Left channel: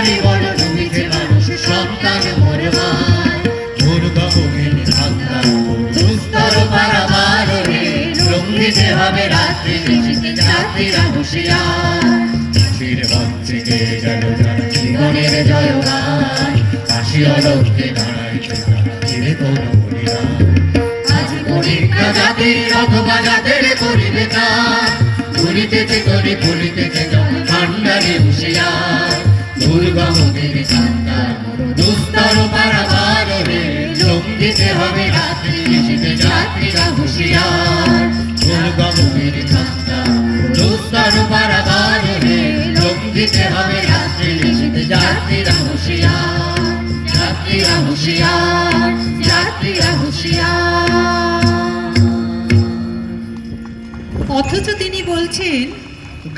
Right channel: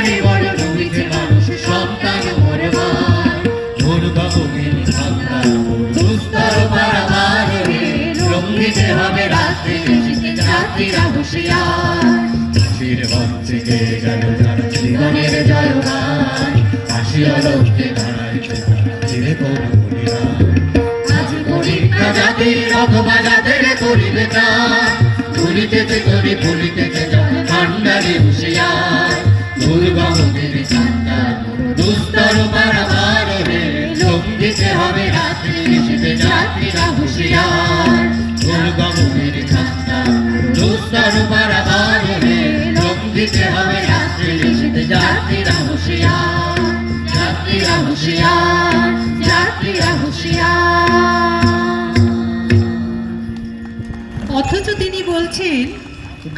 ভারী বড় রয়েছে মানুষ সন্তান মরবার দুর্গমের ঠান্ডা দুস্তর পারাবারে লঙ্ঘিতে হবে রাত্রি যাত্রীরা হুঁশিয়ার চাষির মঞ্চে গেয়ে গেল যারা জীবনের জয়গান কাশি অলঙ্কে দাঁড়াইছে ফিরে কোনো বলিয়া আজ পরীক্ষা জাতির অথবা যাদের করিবে কার ভুলিতেছে করি ভুলিতেছে জন ঠান্ডারে হুঁশিয়ার দুর্গমের ঠান্ডা দুস্তর পারাবারে লঙ্ঘিতে হবে রাত্রি যাত্রীরা হুঁশিয়ার দুর্গমের ঠান্ডা দুস্তর পারাবারে লঙ্ঘিতে হবে রাত্রি যাত্রীরা হুঁশিয়ার যাত্রীরা হুঁশিয়ার যাত্রীরা হুঁশিয়ার। অথচ তিনি বলছেন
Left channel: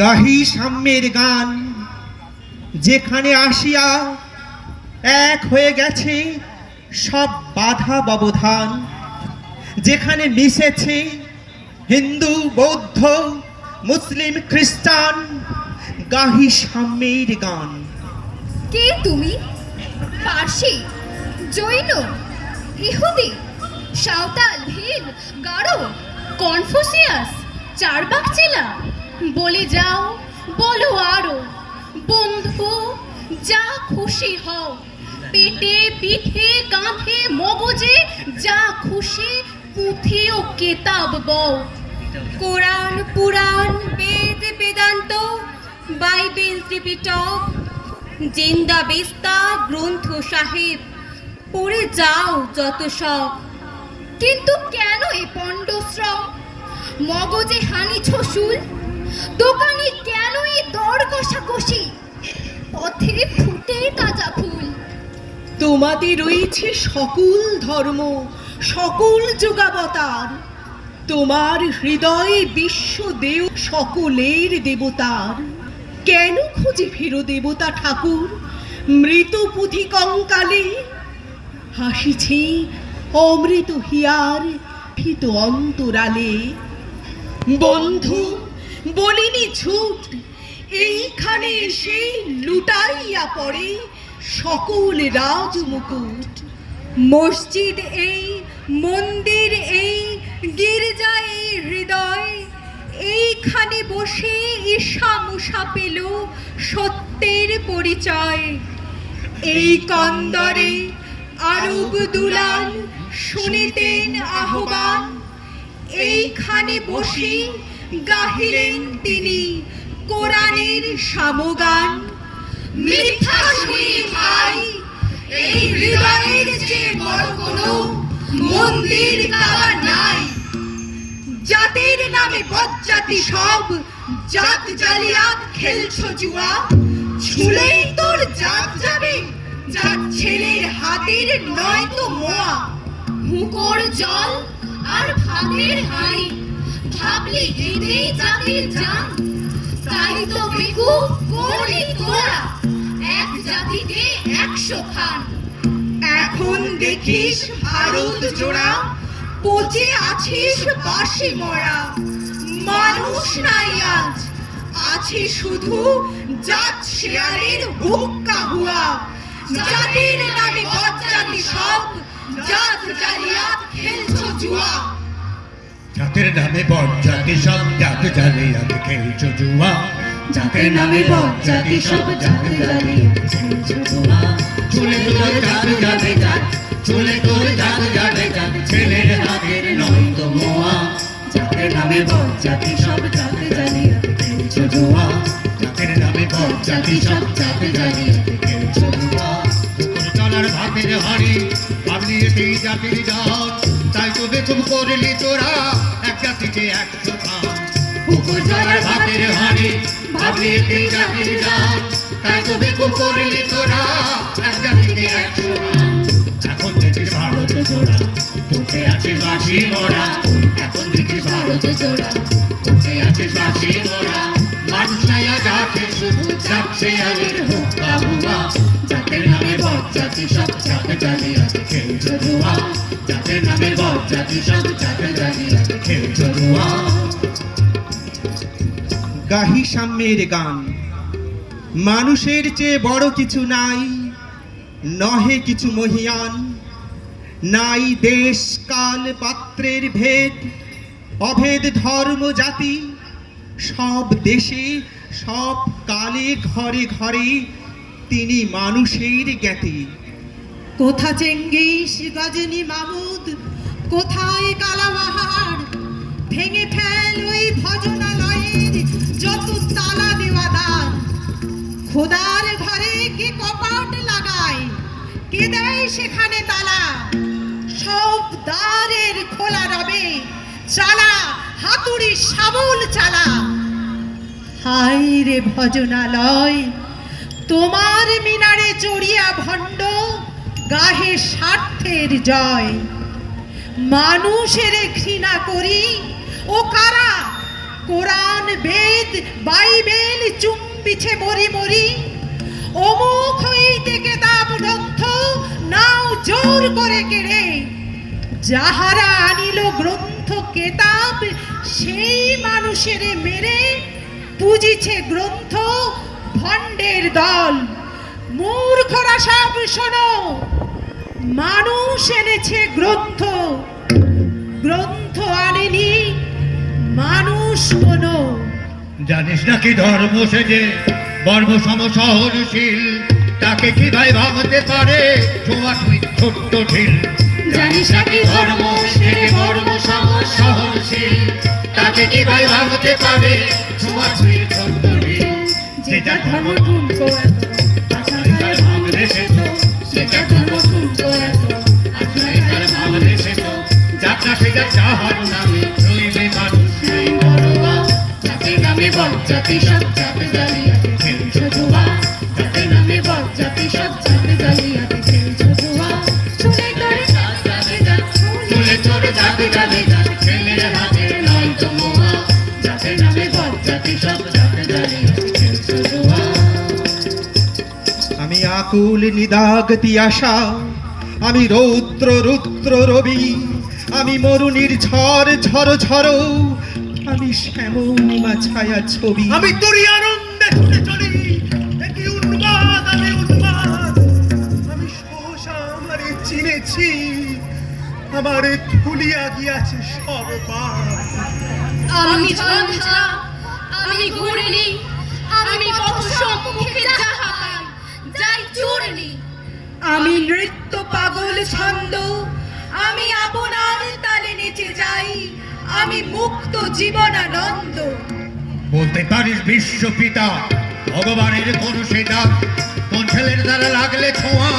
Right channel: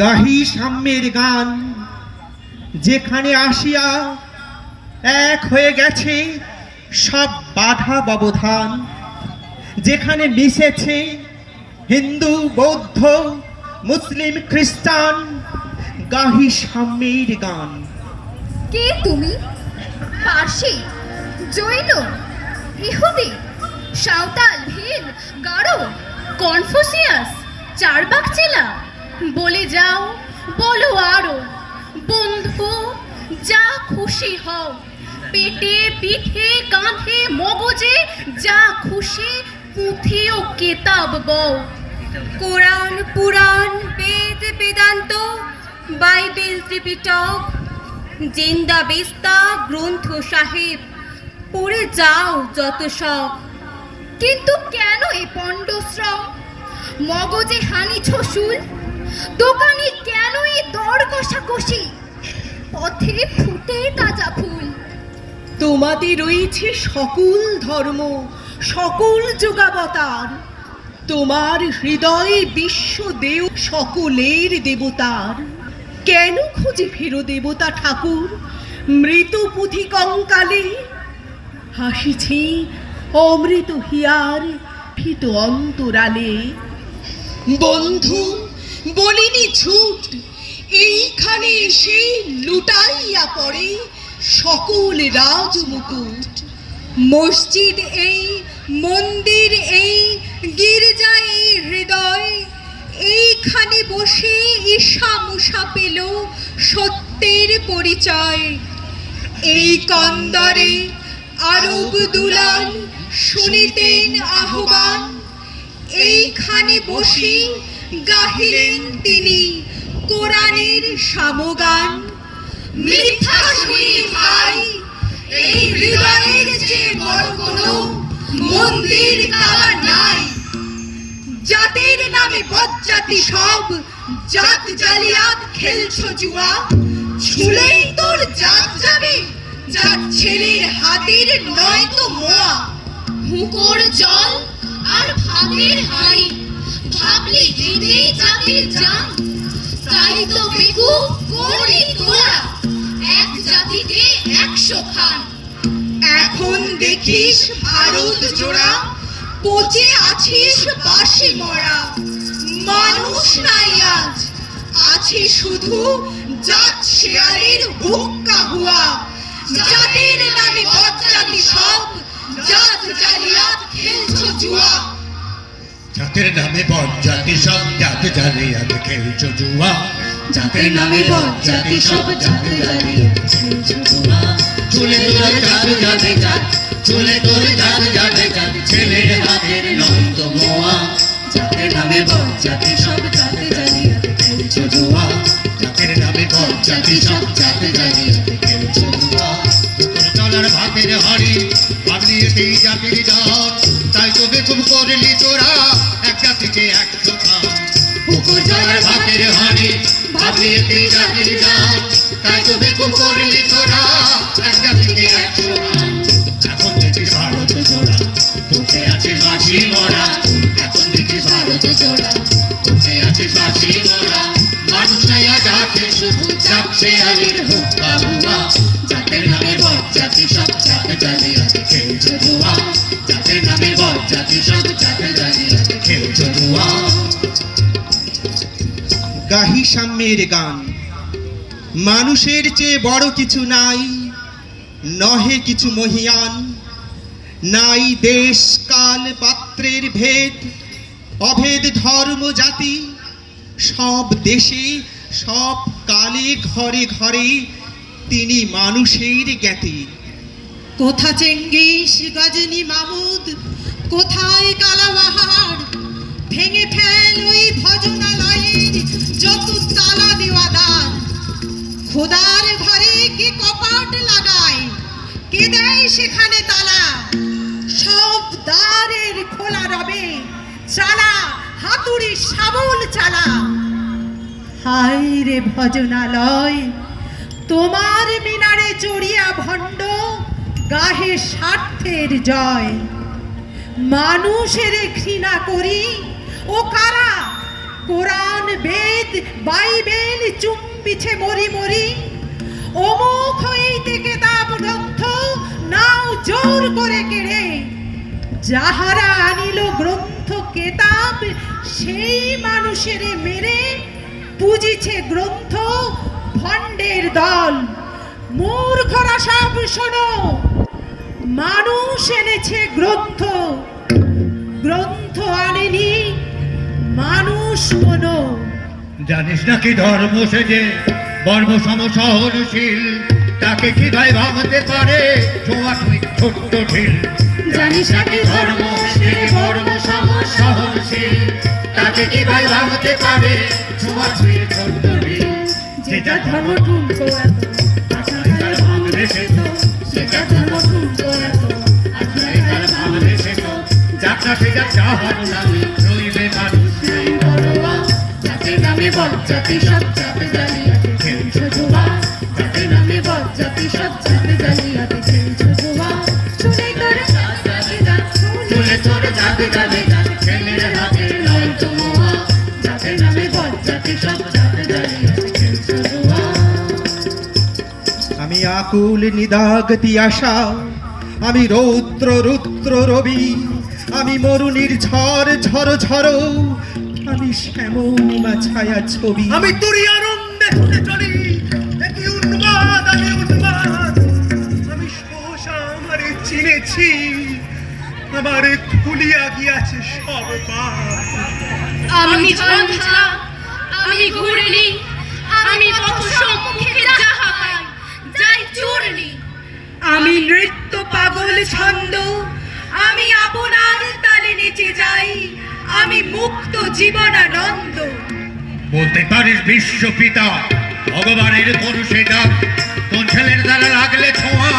গাহি সাম্যের গান যেখানে আসিয়া এক হয়ে গেছে সব বাধা ব্যবধান, যেখানে মিশেছে হিন্দু বৌদ্ধ মুসলিম খ্রিস্টান, গাহি সাম্যের গান। কে তুমি? পার্সি, জৈন, ইহুদি, সাঁওতাল, ভিল, গারো, কনফুসিয়াস, চারবাক চেলা? বলে যাও, বলো আরো। বন্ধু, যা খুশি হও, পেটে পিঠে কাঁধে মগজে যা খুশি পুঁথি ও কেতাব বও। কোরআন পুরাণ বেদ বেদান্ত বাইবেল ত্রিপিটক জিন্দা বেস্তা গ্রন্থ সাহেব পড়ে যাও যত সব। কিন্তু কেন এ পণ্ডশ্রম? মগজে হানিছ শুল, দোকানে কেন এ দর কষাকষি? পথে ফুটে তাজা ফুল। তোমাদের রয়েছে সকল ধর্ম সকল যুগাবতার, তোমার হৃদয়ে বিশ্বদেও সকলের দেবতার। কেন খুঁজে ফেরো দেবতা ঠাকুর মৃত পুঁথি কঙ্কালে? হাসিছে অমৃত হিয়ার ভীত অন্তরালে। বন্ধু, বলিনি ঝুট, এইখানে এসে লুটাইয়া পড়ে সকল রাজমুকুট। মসজিদ এই, মন্দির এই, গির্জা এই হৃদয়, এইখানে বসে ঈশা মুসা পেল সত্যের পরিচয়। এই কন্দরে আরব দুলাল শুনিতেন আহ্বান, এইখানে বসে গাহিলেন তিনি কোরআনের সামগান। মিথ্যা শুনি ভাই, এই হৃদয়ের যে বড় কোনো মন্দির কাবার নাই। জাতির নামে বজ্জাতি সব জাত জালিয়াত খেলছো জুয়া, ছুলেই তোর জাত যাবে জাত ছেলের হাতের নয় তো মোয়া। হুকোর জল আর ভাতের হাঁড়ি ভাবলি এতেই জাতির জান। তাই তো বেকুব করলি তোরা এক জাতিকে 100 খান। এখন দেখিস ভারত জোড়া পচে আছিস বাসি মরা। মানুষ নাই আজ, আছে শুধু জাত শেয়ারের হুক্কা হুয়া। জাতির নামে বজ্জাতি সব জাত জালিয়াত খেলছো জুয়া। জাতের নামে বজ্জাতি সব জাত জালিয়াত খেলছো জুয়া। জাতের নামে বজ্জাতি সব জাত জালিয়াত খেলছো জুয়া। চলে তোর জাত যাবে জাত, চলে তোর জাত যাবে জাত, ছেলের হাতের নয় তো মোয়া। জাতের নামে বজ্জাতি সব জাত জালিয়াত খেলছো জুয়া। জাতের নামে বজ্জাতি সব জাত জালিয়াত খেলছো জুয়া। চলার ভাতের হাড়ি ভাবলি সেই জাতির জান, তাই তো বেকুব করলি তোরা এক জাতিকে 100 খান। পুকুর জলের ভাতের হাড়ি ভাবলি সেই জাতির জান, তাই তো বেকুব করলি তোরা এক জাতিকে 100 খান। এখন দেখিস ভারত জোড়া তোকে আছে বাসি মরা। এখন দেখিস ভারত জোড়া তোকে আছে বাসি মরা। মানুষ নাই জাতে শুধু জাত শেয়ালের হুক্কা হুয়া। জাতের নামে বজ্জাতি সব জাত জালিয়াত খেলছো জুয়া। জাতের নামে বজ্জাতি সব জাত জালিয়াত খেলছো জুয়া। গাহি সাম্যের গান মানুষের চেয়ে বড় কিছু নাই, নহে কিছু মহিয়ান। নাই দেশ কাল পাত্রের ভেদ, অভেদ ধর্ম জাতি। সব দেশে সব কালে ঘরে ঘরে তিনি মানুষের জ্ঞাতি। কোথা চেঙ্গিস গজনী মামুদ, কোথায় কালাবাহার? ভেঙে ফেল ওই ভজনালয়ের যত তালা দেওয়া দ্বার। খোদার ঘরে কে কপাট লাগায়, কে দেয় সেখানে তালা? সব দ্বারের খোলা রবে, চালা হাতুড়ি শাবল চালা। হায় রে ভজনালয়, তোমার মিনারে চড়িয়া ভণ্ড গাহে স্বার্থের জয়। মানুষের ঘৃণা করি ও কারা? কোরআন বেদ বাইবেল চুম্বিছে মরি মরি। অমুক হইতে কেতাব গ্রন্থ নাও জোর করে কেড়ে। যাহারা আনিল গ্রন্থ কেতাব সেই মানুষের মেরে। পুজিছে গ্রন্থ ভণ্ডের দল, মূর্খরা সব শোনো। মানুষ এনেছে গ্রন্থ, গ্রন্থ আনেনি মানুষ কোনো। জানিস নাকি ধর্ম সেজে বর্ম সমসহনশীল, তাকে কি ভাই ভাবতে পারে ছোঁয়াছুঁই ছোট্ট ঢিল? জানিস নাকি ধর্ম সেজে বর্ম সমসহনশীল, তাকে কি ভাই ভাবতে পারে ছোঁয়াছুঁই ছোট্ট ঢিল? যেটা ধর্ম তুলতো এত আজকাল ভাঙলে সে তো, যেটা ধর্ম তুলতো এত আজকাল ভাঙলে সে তো। যাত্রা সেজা যাহার নামে রইবে মানুষ সেই বড়বা, যাতে নামে বজ্জাতি সব জাতে জালিয়াতে খেলছো জুয়া। যাতে নামে বজ্জাতি সব জাতে জালিয়াতে খেলছো জুয়া। চুলে করে যাবে যা, চলে তোর যাবে যাবে যা, ছেলের হাতে নয় তো মোয়া। যাতে নামে বজ্জাতি সব জাতে জালিয়াতে খেলছো জুয়া। আমি আকুল নিদাগতি আশা, আমি রৌদ্র রুদ্র রবি। আমি মরুনির ঝড় ঝড় ঝড়, আমি শ্যামা ছায়া ছবি। আমি তোরই আনন্দে ছুটে চলি, একই উন্মাদ আমি উন্মাদ। আমি সহসা আমারে চিনেছি, আমারে ভুলিয়া গিয়াছে সব পাপ। আমি ঝঞ্ঝা, আমি ঘুরলি, আমি পথ সম্মুখে যাহা পাই যাই চূর্ণি। আমি নৃত্য পাগল ছন্দ, আমি আপনার তালে নেচে যাই। আমি মুক্ত জীবনানন্দ। বলতে পারিস বিশ্ব পিতা ভগবানের কোন সেটা? কোন ছেলের দ্বারা লাগলে ছোঁয়া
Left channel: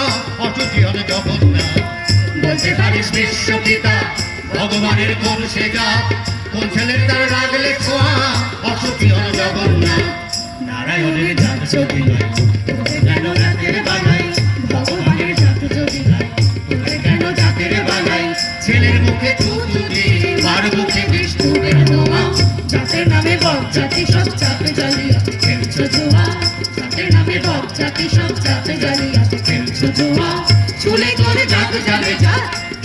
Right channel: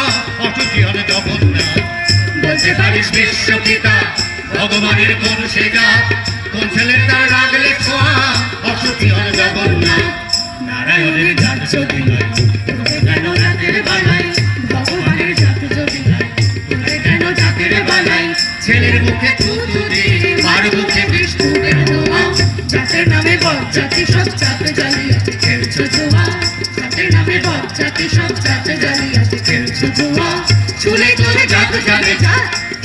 অসুচি হলে জগন্নাথ? বলতে পারিস বিশ্ব পিতা ভগবানের কোন সেটা? কোন ছেলের দ্বারা লাগলে ছোঁয়া অসুচি হলে জগন্নাথ? নারায়ণের জাত যদি নয় তোকে কেন জাতের বানাই? ভগবানের জাত যদি নয় তোকে কেন জাতের বানাই? ছেলের মুখে থুতু দি মার মুখে বিষ্ণুদের ধোঁয়া। জাতের নামে বজ্জাতি সব জাতে জালিয়াতে খেলছো জুয়া। জাতের নামে বজ্জাতি সব জাতে জালিয়াতে খেলছো জুয়া। চুলে তোরে যাতে যাবে যা,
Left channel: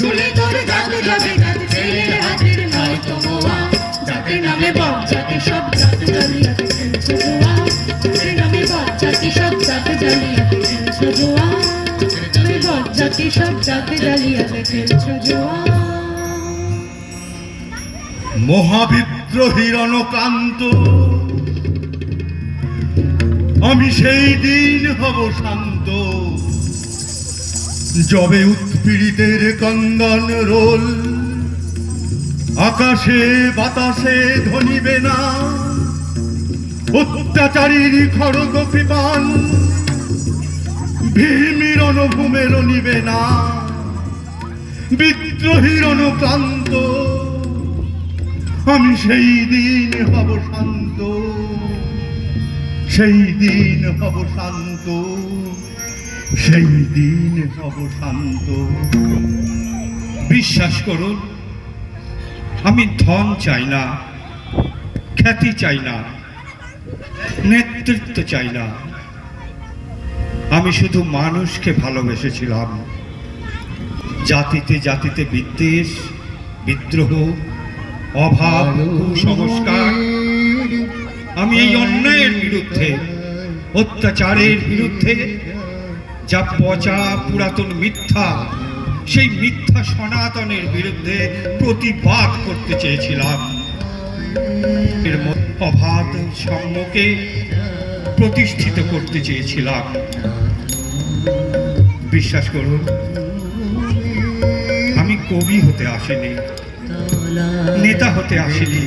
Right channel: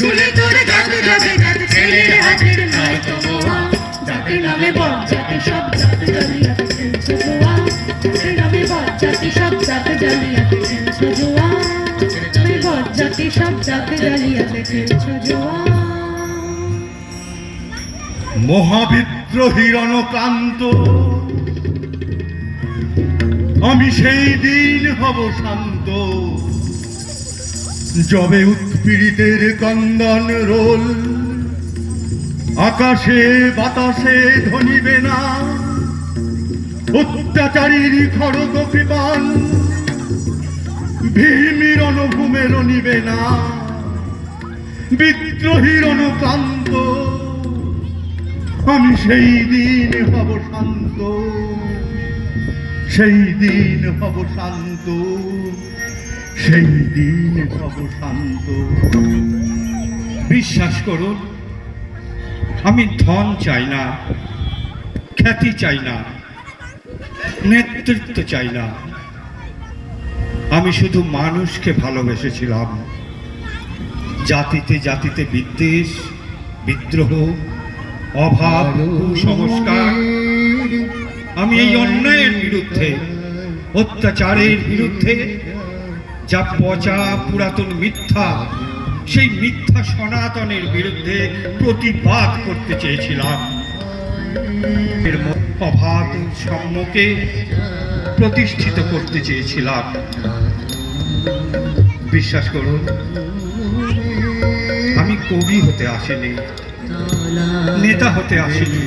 চুলে তোরে যাতে যাবে যা, ছেলের হাতের নয় তো মোয়া। জাতের নামে বজ্জাতি সব জাতে জালিয়াতে খেলছো জুয়া। জাতের নামে বজ্জাতি সব জাতে জালিয়াতে খেলছো জুয়া। তুমি বজ্জাতি সব জাতে জালিয়াতে খেলছো জুয়া। মহাবিদ্রোহীর অনক্লান্ত আমি সেই দিন হব শান্ত, যবে উৎপীড়িতের কন্দন রোল আকাশে বাতাসে ধ্বনিবে না। অত্যাচারীর খড়গ কৃপান ভীমির অনুভূমে রনিবে না। বিদ্রোহীর অনুক্রান্ত আমি সেই দিন হব শান্ত, সেই দিন হব শান্ত, সেই দিন হব শান্ত। বিশ্বাস করুন, আমি ধন চাই না, খ্যাতি চাই না, নেতৃত্ব চাই না। আমি শুধু মানুষকে ভালোবেসেছিলাম। জাতিতে জাতিতে বিদ্বেষ, বিদ্রোহ, অভাব, কুসংস্কার, আমি এই অন্যায়ের বিরুদ্ধে অত্যাচারের বিরুদ্ধে যা পচা পুরাতন মিথ্যা, সেই মিথ্যা সনাতনের বিরুদ্ধে প্রতিবাদ করতে চেয়েছিলাম। এর অবাধ সাম্যকে প্রতিষ্ঠিত করতে চেয়েছিলাম। বিশ্বাস করুন, আমি কবি হতে আসিনি, নেতা হতে আসিনি।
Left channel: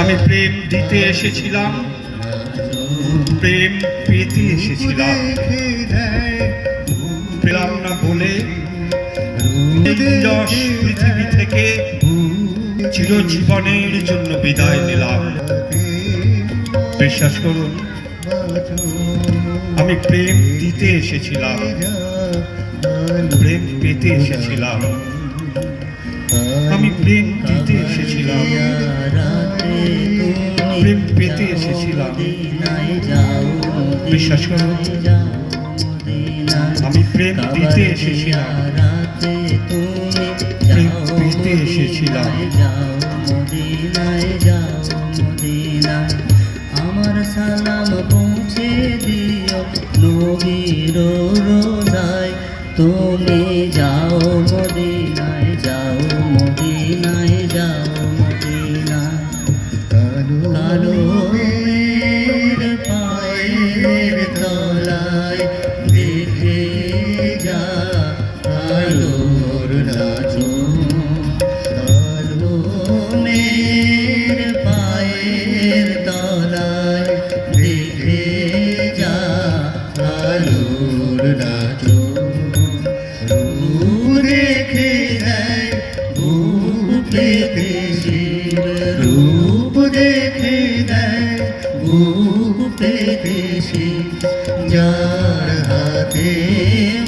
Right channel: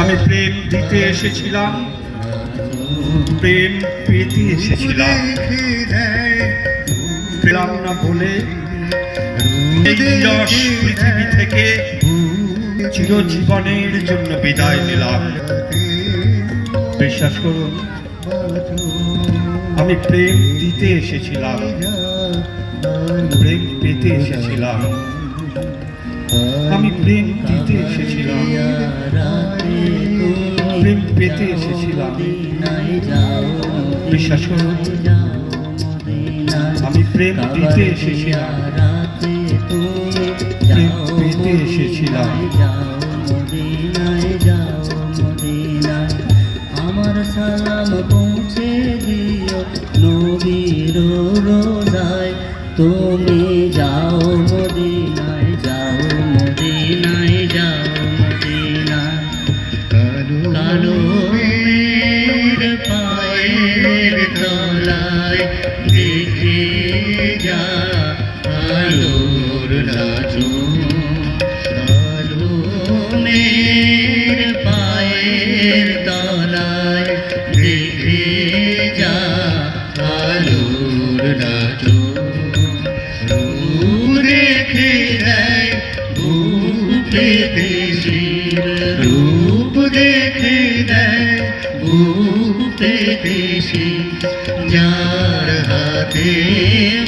আমি প্রেম দিতে এসেছিলাম, প্রেম পেতে এসেছিলাম। পেলাম না বলে এই নিরস পৃথিবী থেকে চিরজীবনের জন্য বিদায় নিলাম। বিশ্বাস করুন, আমি প্রেম দিতে এসেছিলাম, প্রেম পেতে এসেছিলাম। আমি প্রেম দিতে এসেছিলাম, প্রেম পেতে এসেছিলাম। বিশ্বাস করুন, আমি প্রেম দিতে এসেছিলাম, প্রেম পেতে এসেছিলাম। আমার সালাম পৌঁছে দিও নবীর রোজায়, তুমি যাও মদিনায়, যাও মদিনায়, যাও মদিনায়। কালো মেঘ পায়ের তলায় দেখে যা আলোর নাচন। কালো মেঘ পায়ের তলায় দেখে যা আলোর নাচন। রূপ দেখে দেয় বুকে দেশের, রূপ দেখে দেয় বুকে দেশের। যার হাতে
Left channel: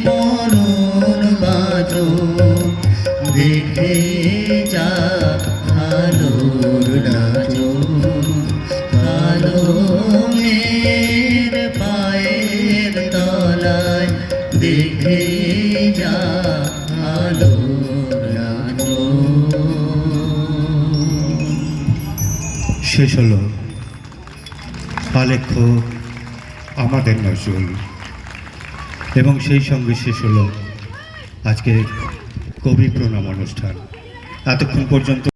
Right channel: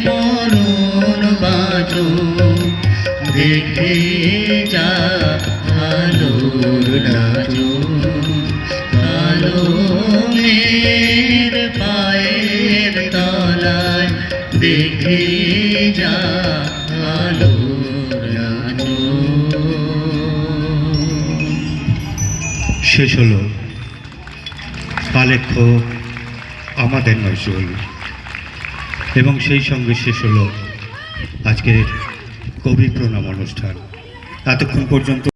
মরণ বাঁচন, দেখে যা আলোর নাচন। কালো মেঘ পায়ের তলায় দেখে যা আলোর নাচন। শেষ হলো আলেখ্য আমাদের নজরুল, এবং সেই সঙ্গে শেষ হলো আজকের কবি প্রণাম অনুষ্ঠান। এতক্ষণ পর্যন্ত